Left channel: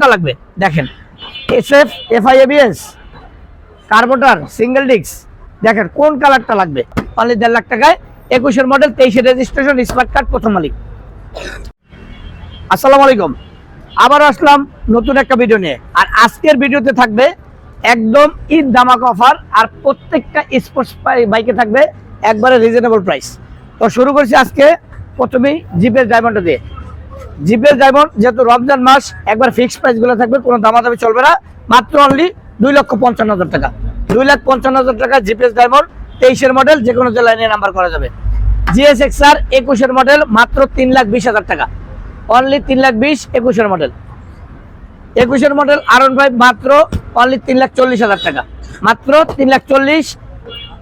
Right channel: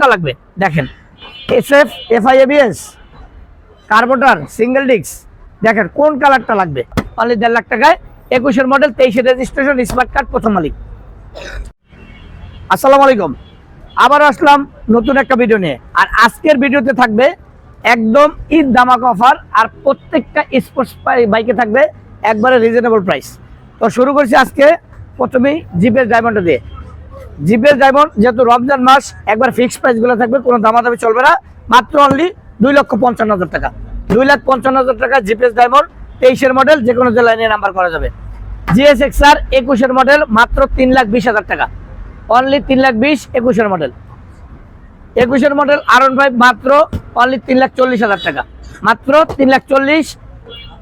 কোনটা লাগবে দেখেন, SF FI ABS carburettor single disc, দেখেন কোন কালারটা লাগবে। অনলি 1.5 লাখ টাকায় 21-এর মডেল, 23-এর রেজিস্ট্রেশন, স্মার্ট কার্ড, প্রথম মালিক। আসসালামু আলাইকুম, আবার আসলাম নতুন একটা ভিডিও নিয়ে। আর আজকের ভিডিওতে থাকবে একদম ঈদ ধামাকা অফার, আর প্রত্যেকটা স্পোর্টস বাইকে থাকবে একবারে রিজনেবল প্রাইস। তো শুরু করছি আজকে প্রথমেই জিপের ডায়মন্ডটা দিয়ে। জিপের ডায়মন্ড যেহেতু রমজান মাস, একবার ফিক্সড প্রাইস গুলো থাকবে, কোনো দামাদামি চলবে না। মাত্র অনলি 2,55,000 টাকা, 2,55,000 টাকা জিপিএস ডায়মন্ড, 23-এর মডেল, যে কোনো জেলায় নিয়ে নাম্বার করা যাবে। জিএসএক্সআর 21-এর মডেল, মাত্র 3,20,000 টাকা, অনলি 3,20,000, 21-এর মডেল। 21-এর মডেল R15 মাত্র অনলি 3,40,000 টাকা, মাত্র 3,40,000,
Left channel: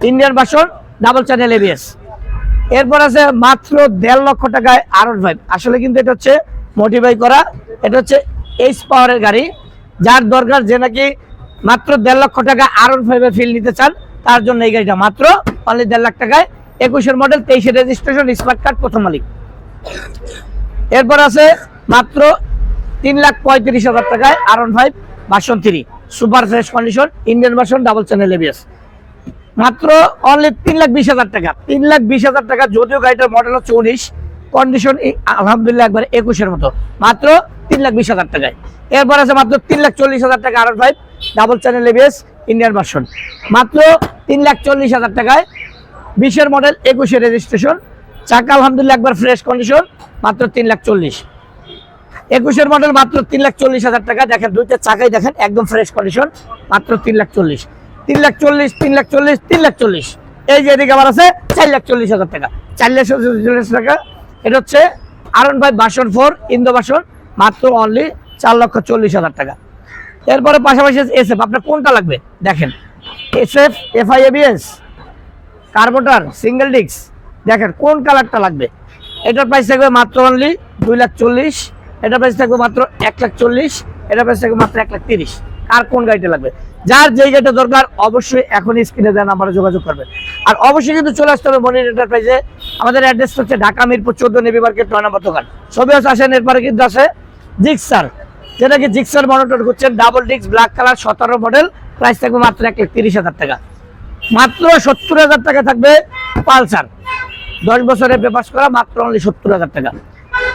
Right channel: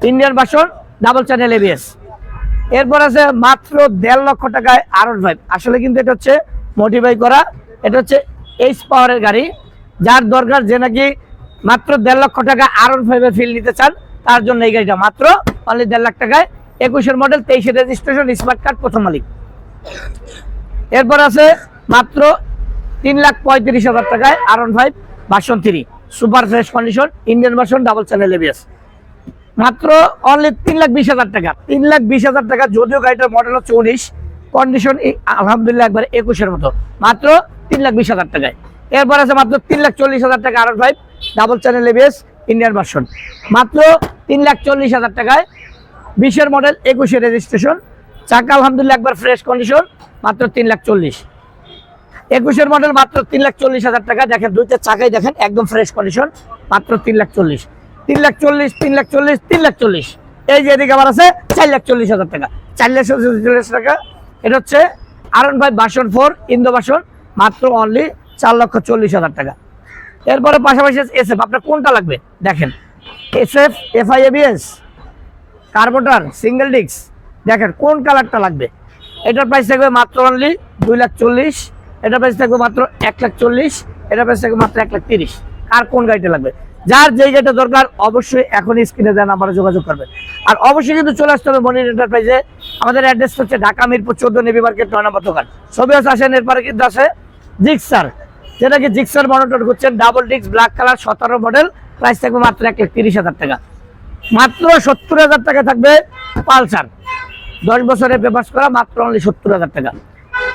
Indian version, double channel ABS. এরপর আছে মাত্র 1.5 লক্ষ টাকায় R15। আসলে কিন্তু এটা হচ্ছে মডিফাই করা, এটা হচ্ছে এইচ পাওয়ারের গাড়ি। যার দরকার, যে নাকি মাত্র 1.5 লক্ষ টাকা R15 ফিল নিতে চান, তার জন্য এই গাড়িটা মাত্র অনলি 1.5 লাখ টাকায়, 21-এর মডেল, 23-এর রেজিস্ট্রেশন, স্মার্ট কার্ড, প্রথম মালিক। এরপর আছে মাত্র 3,35,000 টাকায় R15 version 3, super fresh condition, Indian version, double channel ABS, মাত্র অনলি 3,20,000 টাকা, 3,20,000 টাকা। যদিও গাড়িটার মডেল হচ্ছে 19, কন্ডিশন আলহামদুলিল্লাহ একবার 21-এর মতো, মাত্র 3,20,000 টাকায়। এরপর আছে মাত্র 3,40,000 টাকা R15 double channel ABS, Indian version, মাত্র 3,40,000 টাকায়, 20-এর মডেল, 21-এর রেজিস্ট্রেশন, চাকা আলহামদুলিল্লাহ একবার ফ্রেশ কন্ডিশন, মাত্র 3,40,000। 21-এর মডেল, মাত্র 3,40,000 টাকা। দেখেন দুইটা চাকাই দেখেন একদম ফ্রেশ কন্ডিশন, মাত্র 3,40,000, 3,40,000, 3,40,000, 3,40,000। এই যে এদিকে আমার আছে 4,40,000 টাকা, 4,40,000 টাকা। এটা হচ্ছে R15 ভার্সন 4 ইন্দো ভার্সন, মাত্র অনলি 4,40,000 টাকা। এরপরে পাশাপাশি এসএফ, আপনার কোনটা লাগবে দেখেন, SF FI ABS carburettor single disc, দেখেন কোন কালারটা লাগবে। এটার প্রাইস থাকবে মাত্র অনলি 2,40,000, এটার প্রাইস থাকবে মাত্র 1,40,000, এটার প্রাইস থাকবে মাত্র 1,30,000। আর কোন গাড়িটা লাগবে, যার যেই গাড়িটা দরকার অবশ্যই এখনই স্ক্রিনে দেন নাম্বারে যোগাযোগ করবেন। আর অবশ্যই কিন্তু চলে আসতে হবে মনির এন্টারপ্রাইজে। আমাদের অ্যাড্রেস হচ্ছে ঢাকা মিরপুর 14 নেভি মার্কেট 9 নম্বর দোকান। সবে আসেন। এরপরে কিন্তু আছে জিক্সার, যেটা কি জিক্সার মনোটর হচ্ছেন double disc, black colour, 17 model, price থাকবে মাত্র 1,30,000 টাকা। মাত্র 70,000 টাকা থাকবে পালসার, 10 বছরের পেপারস করা, মাত্র অনলি 70,000 টাকা।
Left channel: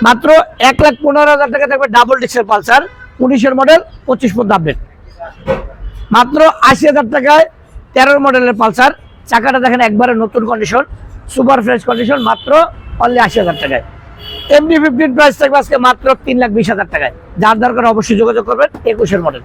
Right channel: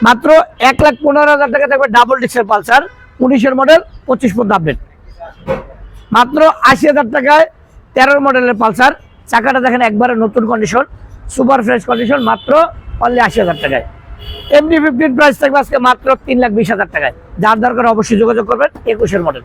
মাত্র 1,15,000 টাকা থাকবে ডাবল ডিস্কের পালসার, 19-এর মডেল, 25 পর্যন্ত আপডেট। মাত্র 80,000 টাকায় 13 মডেলের পালসার, চাকাটা দেখেন একবারে নতুন কন্ডিশন, সুপার ফ্রেশ কন্ডিশন, মাত্র অনলি 80,000 টাকায়। এমনি 15 প্রাইস থাকবে আজকে মাত্র 3,20,000 টাকায়। যার দরকার অবশ্যই যোগাযোগ করবেন, 21-এর মডেল।